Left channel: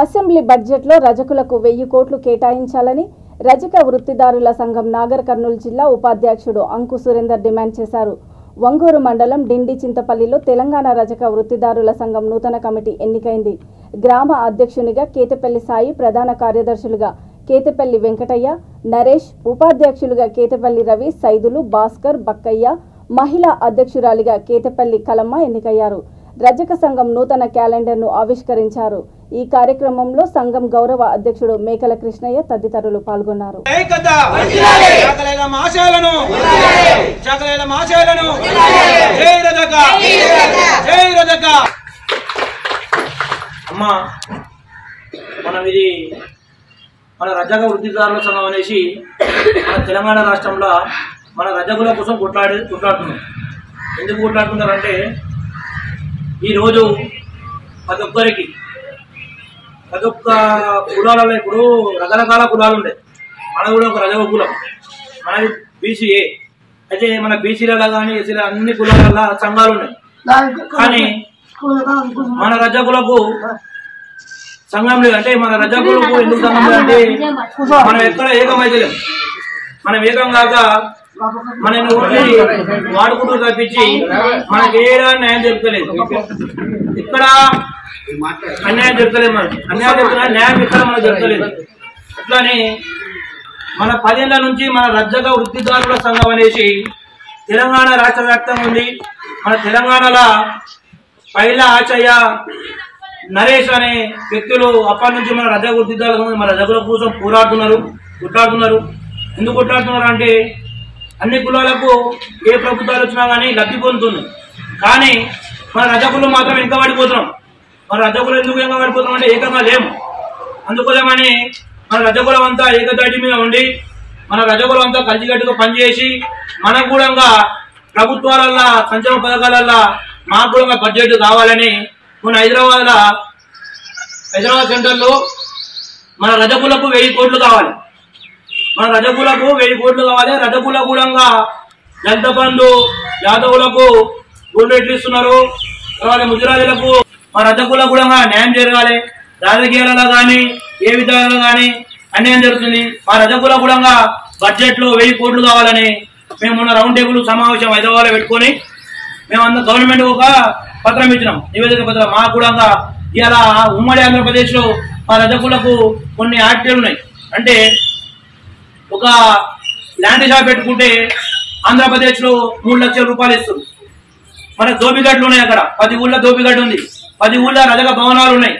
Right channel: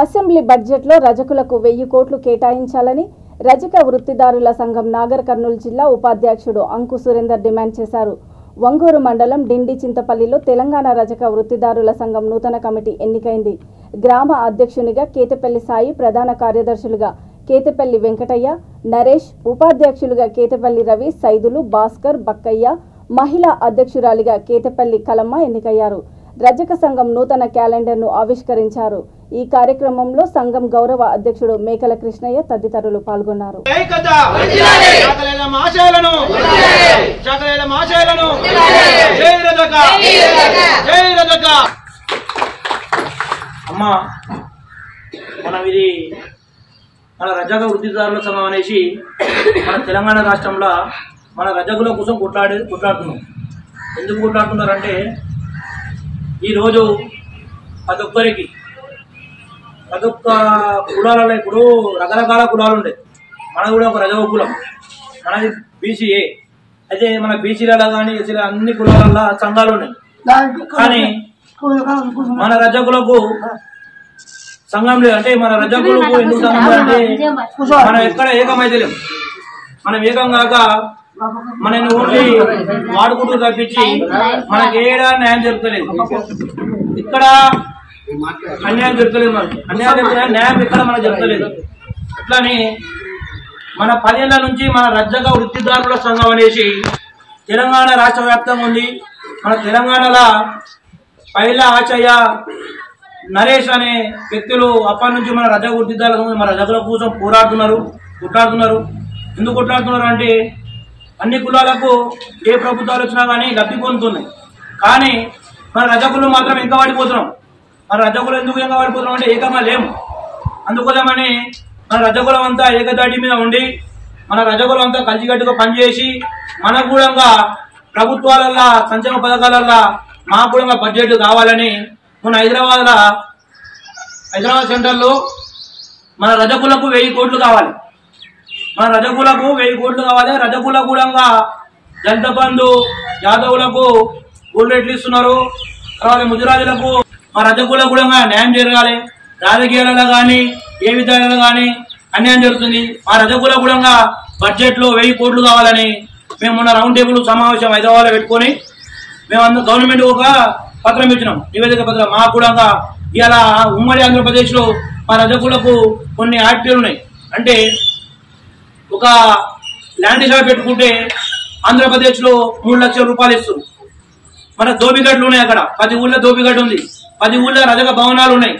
Assembly బడ్జెట్లో రజకులకు 1000 కోట్లు కేటాయించాలని రజక వృత్తిదారుల సంఘం నాగర్ కర్నూలు జిల్లా ఉపాధ్యక్షుడు అంకు సురేందర్ డిమాండ్ చేశారు. వంగూరు మండలం డిండి చింతపల్లిలో తెలంగాణ రజక వృత్తిదారుల సంఘం నూతన కమిటీ ఎన్నికైంది. గ్రామ అధ్యక్షునిగా కేతపల్లి సాయి, ప్రధాన కార్యదర్శులుగా కేతపల్లి వెంకటయ్య, నరేష్, ఉపాధ్యక్షులుగా కేతపల్లి రవి, సైదులు, భాస్కర్, బక్కయ్య, మహిళా అధ్యక్షురాలిగా కేతపల్లి కలమ్మ ఎన్నికయ్యారు. రజక సంఘం నూతన క్యాలెండర్ను ఆవిష్కరించారు. ఈ కార్యక్రమంలో సంఘం గౌరవ అధ్యక్షుడు మేకల కృష్ణయ్య తదితరులు పాల్గొన్నారు. మన రజక వృత్తిదారుల సంఘం అనేసి మన తెలంగాణ రాష్ట్రంలో మన రజకుల కోసం కొట్లాడుతున్నాం. ఎందుకు కొట్లాడుతున్నారంటే ఈరోజు ప్రతి ఒక్క కులాలలో ఇప్పుడు రకరకాల కులాలు ఉండే, మనది కూడా ఒక రజక కులం, మనది బీసీఏ. అయితే మన బీసీలలో కానీ ఎస్సీల అన్ని కులాలలో సంఘాలు ఉన్నాయి. కానీ మన రజకులకు సంఘం లేదు. అంటే మన రజకులకు ఎందుకు సంఘం లేదంటే మనం ఎక్కడ ఏకమైతే లేము. మనం ఏకం కాక మనని ఓన్లీ వాడుకుంటూ తప్పించి మనకి ఏడా న్యాయం జరుగుతలేదు. ఇక్కడ అన్యాయం జరుగుతలేదు. మనకి అన్యాయం జరుగుతున్నా న్యాయం ఇక్కడ మనకు జరుగుతలేదు. అట్లానే మన 10 ఏళ్ల నుంచి మన రజక వృత్తిదారుల సంఘం అనేసి తెలంగాణ రాష్ట్ర వ్యాప్తంగా ఉంది. మన తెలంగాణలో పైలా ఆచయ్య, నరేష్ అనే వ్యక్తులు అప్పటి నుంచి మన రజక వృత్తిదారుల సంఘం మన రజకుల కోసం కొట్లాడుతున్నారు. ఎందుకు కొట్లాడుతున్నారు అంటే అన్ని కులాలకు ఏ ప్రభుత్వాలు వచ్చినా కానీ లబ్ధి పొందుతున్నాయి. కానీ మన రజకులు మాత్రం ఇంకా పడిపోతున్నాం. మన రజకులు ఎందుకు ఇంకా పడిపోతున్నాం అంటే ఏకంగా లేము. అందుకోసమని మన రజకులం అంతా ఏకదాటి మీద ఉండి మన రజకులం అంతా కలిసికట్టుగా పనిచేసి మనకు కూడా ప్రభుత్వాలల్లో సంక్షేమ పథకాలల్లో మాకు కూడా బడ్జెట్ కావాలని మన హైదరాబాద్ సెంటర్లో మన రజకులకు 1000 కోట్లు కావాలి. మన రజకులకు 1000 కోట్లు కావాలి. రజకుల కూడా దళిత బంధు, యాదవులకు రేట్లు ఇస్తున్నారు. తర్వాత ముదిరాజులకు మా రజకులకు కూడా న్యాయం జరగాలి. రాజకీయాలలో కానీ ఏ విధానాలు కానీ అన్యాయం జరుగుతుంది. మా రజకులకు కూడా బడ్జెట్ లో 1000 కోట్లు కావాలని మేము మొన్న రౌండ్ టేబుల్ సమావేశం హైదరాబాద్ లో పెట్టుకొని మేము అందరూ గవర్నమెంట్ ఒక పత్రం ఇచ్చినాం, నివేదిక పత్రం. మా కూడా ఇవాళ ఉమ్మడి ఆంధ్రప్రదేశ్ లో మా రజకులకు కొన్ని యాక్టివ్లు ఉన్నాయి. అంటే ఒక ల్యాండ్ షాప్ పెట్టుకుంటే ఆంధ్రప్రదేశ్ లో 3 లక్షల రూపాయలు ఇస్తారు. మన దోపిగడ్లు ఉన్నాయి. అక్కడ 10 ఊళ్ళో దోపిగడ్డ ఉంది. 10 ఊళ్ళో రజక భవనాలు ఉన్నాయి.